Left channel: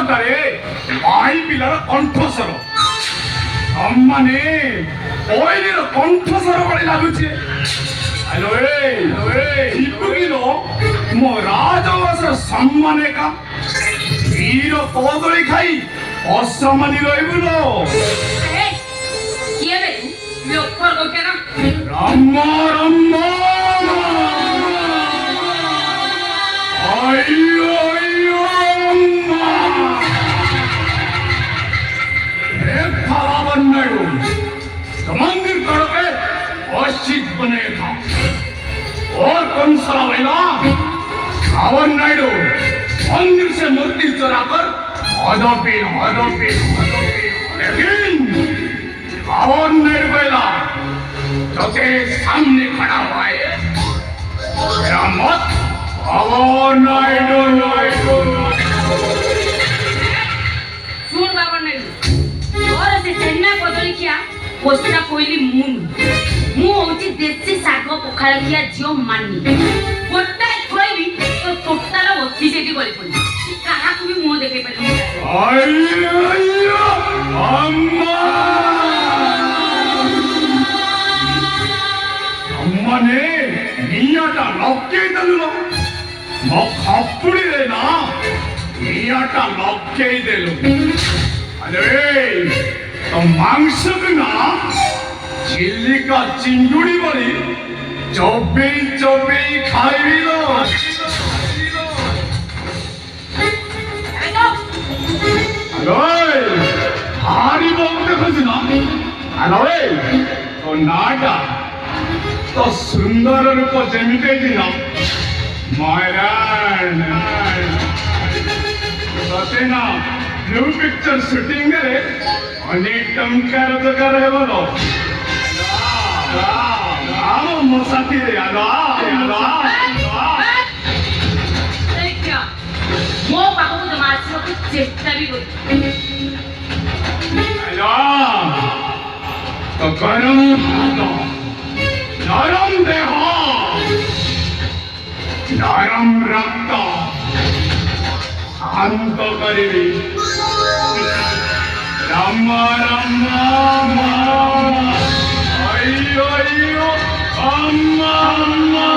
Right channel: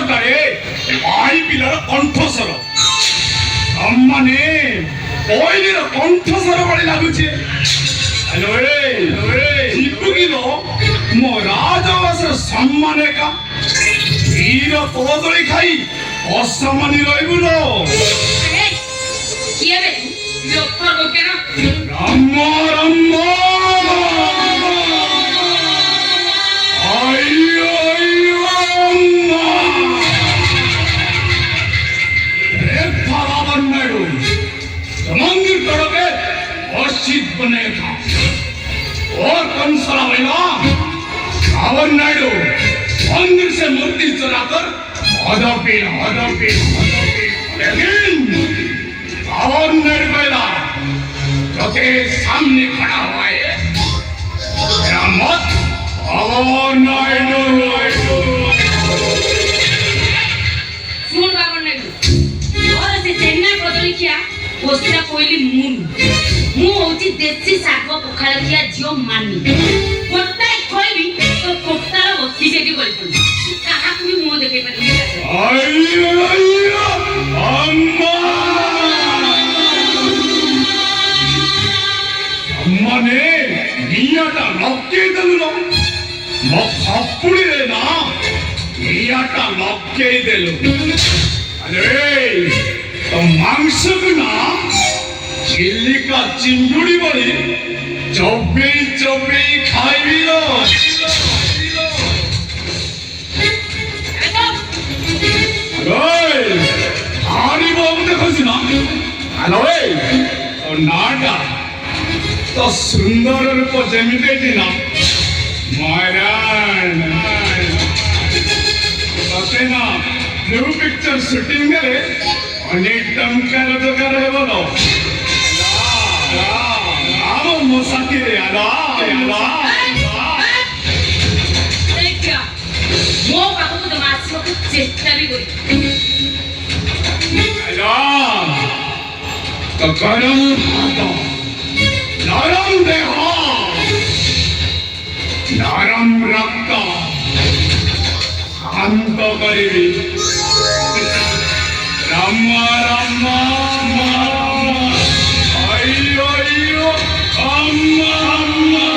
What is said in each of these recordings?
ଶବ୍ଦଟାରେ ଭାଇ ପିଲାର କଣ୍ଠସ୍ୱର ମାନେ ପଇଲିର କଣ୍ଠସ୍ୱର ଭଳି ଲାଗୁଛି। ଯିବୁକିଲୋ ମୋ ରାଜବଂଶର ସମ୍ମାନ ଏକା କ୍ଷୀର କଦଳୀ ଖାଇ ଅସମାନି ରହିବୁଲୋ। ରାମ ରାମ मंदिर तड़पे अशित बने था और कौन सला वेला रावण नायडू मंदिर से मूर्ति चुराकर लेकिन रावण नायडू वेला जो तेरे सामने खड़ा हुआ है मेरा मत रावण नायडू सुन रावण नायडू और से चेन्नई बदली किया वस्तुटा कोइली मु होची देसी साग पखाल किया जियो मानी गोटाय खोइबी तो टोकतार वत्ती जेटी गଳି पड़ी काहा कुनी मुंह देखे पे अम्मा अम्मा ने नियाटा लक्के देलु म खप्पुड़ी रे ना नियाटा लक्के देलु अरे तो मांस बिना चिल्लिका चिंगुड़ी बड़ी चौबे खाई लो। हारी बाबू देखो ना हेलो तो नाटा तो सुंदर रूप जेमिते ना मायरान सतेना ब्लू पिक्चर शूटिंग रे अनेक टमका रोजगार है बोलो राम मोसाती रे आदा देखिया मो बाबू तो मासी को चेष्टा भी करी आदा तो गरम हाथ नरम देह नरम रक्त शांत करी Rama Rama Ayyo ayyo Amma Amma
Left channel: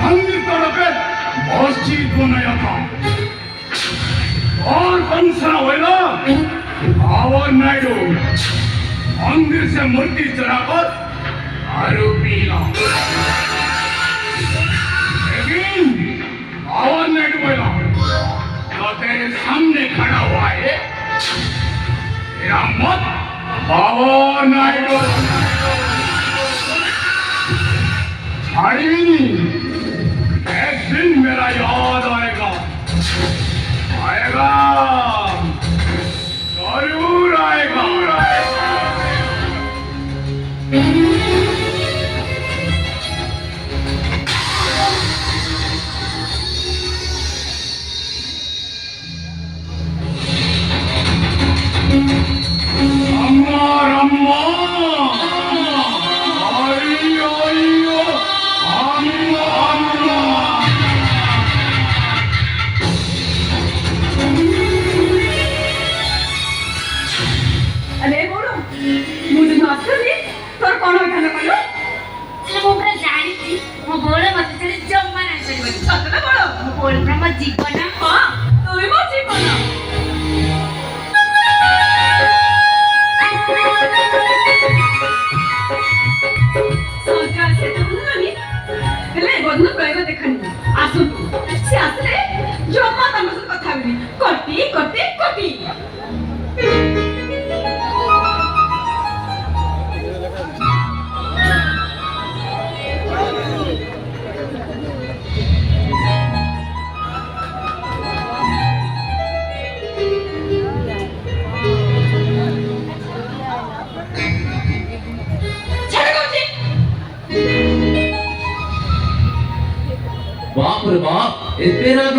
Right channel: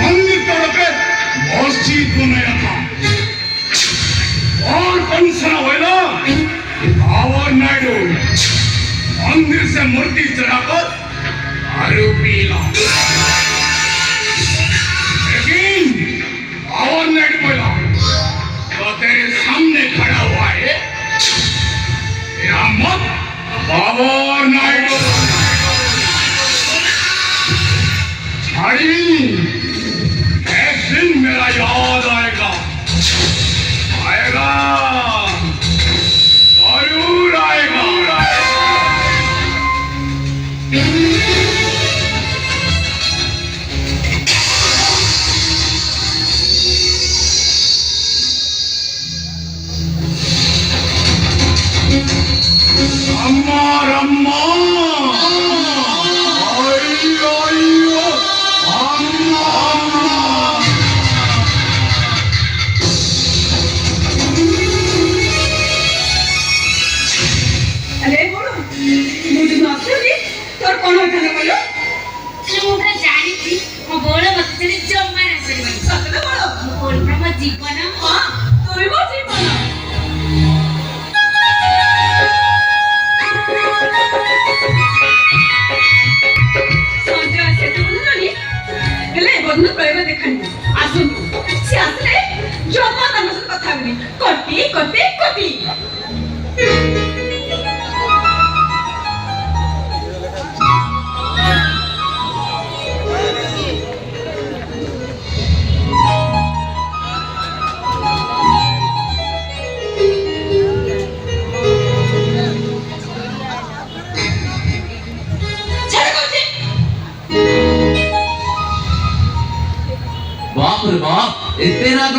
मंदिर तड़पे मस्जिद बनाया था और कंसना हुआ रावण नायडू मंदिर से मूर्ति चढ़ाकर दारू पीला लेकिन रावण नायडू बोला जो तेरे सामने खड़ा हुआ है तेरा मत रावण नायडू एक दिन मेरा याद आएगा जरूर आएगा। କଣ ହେଇଥାନ୍ତା କହିଲ? ସେଟା ମୁଁ ପୁରା ଜାଣିଛି ମୋ ବୋଳ ମତେ ସେଠି ଜମା ରାଖିପାରିବନି। ସତରେ ବଳ? ମୋ ବୋଳ ପୁରା ମୋ ଜୀବନ। ହଁ ତୁ ବି ମୋ ଜୀବନ। ସଞ୍ଜ ଆସି ଏତେ ବୁଝିଲନି ହେଲେ ବଧୂର ପ୍ରୟୋଗ ଦେଖାନି ଆସନ୍ତୁ ସେ ଆସିଲେ ଜମା ତାଙ୍କ ସହିତ କଥା ହେବିନି କଟି କଟି କଟି ଛାଡ଼ କହୁଛି बाप रे बाप एते राग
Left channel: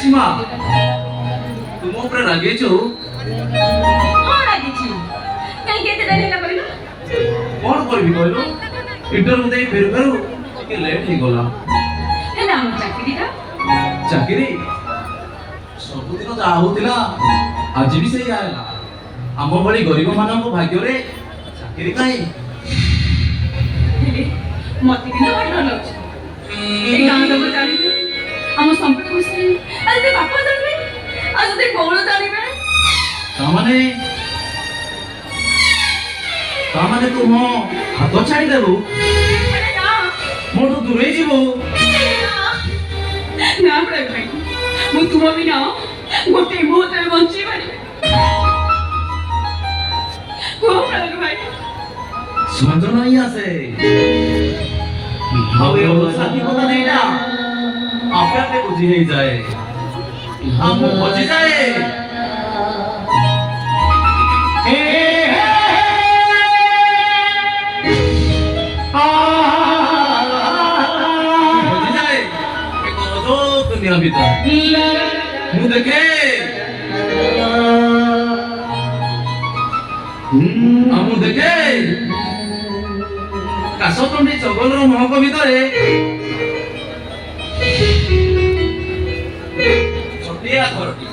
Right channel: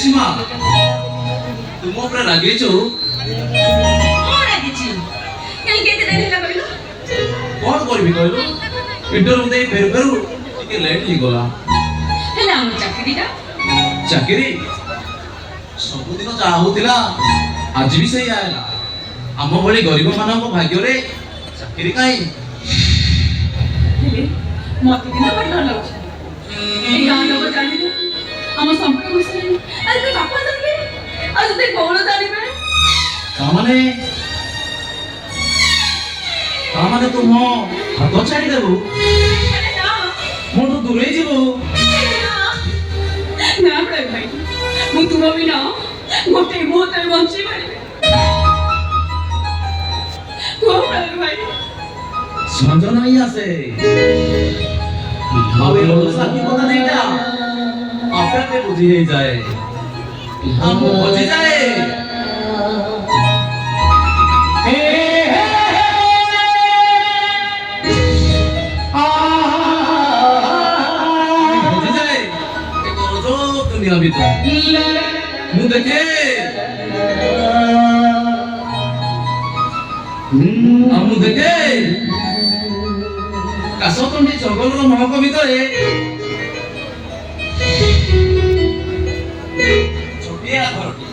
सीमा तुम ऊपर रागे छो ହଁ ରାଗିଛି କାହିଁକି ଏତେ ଡେରି ହେଲା କହିଲ? कौन करबी कहलो इंटरव्यू जाई फेर फेर ଟିକେ ଲେଟ୍ ହେଇଗଲା ହେଲେ ଆମ ଚାକିରିଟା ଚାକିରି ସବୁଦିନ ଯାହା ହଉଥିଲା ଆଜି ବି ସେଇ ଆଇଲା ଆମ ଭଳି ଗରିବ ମାନଙ୍କ ଭାଗ୍ୟରେ ଚାକିରି କାହିଁ ହେଲେ ମତେ କିନ୍ତୁ ଭାରି ଡର ଲାଗୁଛି ଏଇ ଗାଁ ଲୋକ ଜାଣିବେ ଆମ ସମ୍ପର୍କ ବିଷୟରେ ଆଉ ଯଦି ବାପା ଜାଣିବେ ଆଉ ଯଦି ଗୌଣ ଜାଣିବେ ତାମାନେ ତୁ ମୋ ହାତ ଛାଡ଼ିଦେବୁ ଆରେ ନା ମୋଠୁ ଦୂରେଇ ଯିବୁ ନା ପ୍ରୟୋଗ ଭାଇ ମୁଁ ତୁମ ବିନା ଗୋଟେ ମୁହୂର୍ତ୍ତରେ ବଞ୍ଚି ପାରିବି କୁହ ପ୍ରୟୋଗ ଭାଇ ସଞ୍ଜ ନାହିଁ ଆସେ ଆଉ ଏ ଅବସ୍ଥାକି କଥା ନେଇଟା ଆପେ ଆପେ ବୁଝି ହେଇଯାଏ ଆମ ବଜିଯାଏ ବଜିଯାଏ ଏକ ଅଜବ ଦୁନିଆ ଭିତରେ ମୁଁ ଦେଖେ ମୁଁ ଦେଖେ କାଶତଣ୍ଡି ଜଙ୍ଗଲର ମହକ ଭିତରେ ଛୋଟିଆ ଘରଟି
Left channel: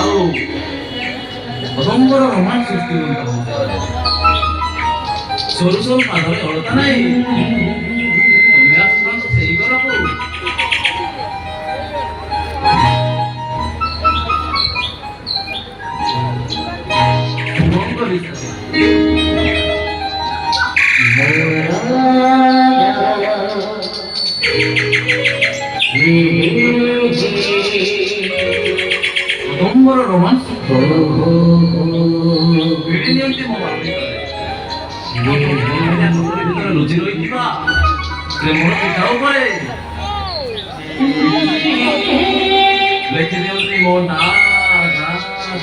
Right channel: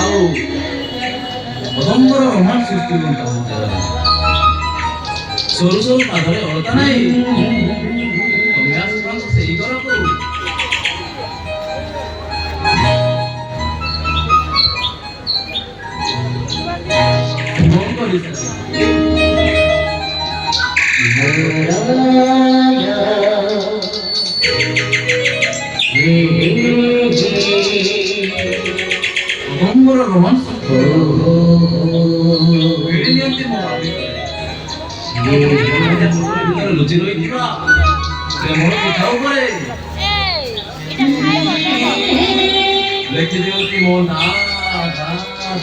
ଆଉ ଅଦମ୍ବର ରୋମାଞ୍ଚ ସୃଷ୍ଟି କରୁଛନ୍ତି ସରୁ ସରୁ ପାଦରେ ଅଳତା ନାହିଁ ଅଭ୍ୟାସ ସେଇ ଘରକୁ କଣ କରିଛ ଅଦମ୍ବର ରୋମାଞ୍ଚ ଭିଡ଼ି ନିଅନ୍ତି ମୋ ଭିତରେ ଲୁଚି ରହିଥିବା ପ୍ରେମର ପିଠା ଉପରେ ଲେଖି ଦିଅନ୍ତି ମୋ ନାଁ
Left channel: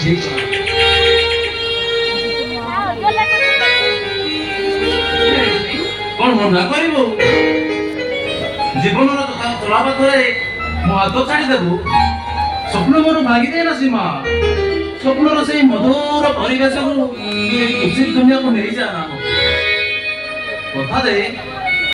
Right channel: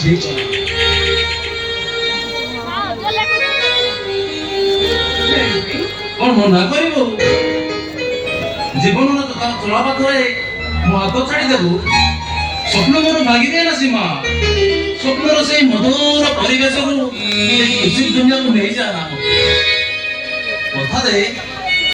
ଠିକ କଣ ମନା କରିବୁ ଜୀବନର ଚଳା ପାଖରେ ମୋ ହାତ ଛାଡ଼ିଦେବୁ ସ୍ୱପ୍ନ ମୋର ଭାଗିଯାଏ ନା ସୀମା ସ୍ୱପ୍ନର ସେଇ ମଧୁର ପରିବେଶକୁ ଖୁସି ଦୁନିଆକୁ ନେଇଯା କଥା ଦେ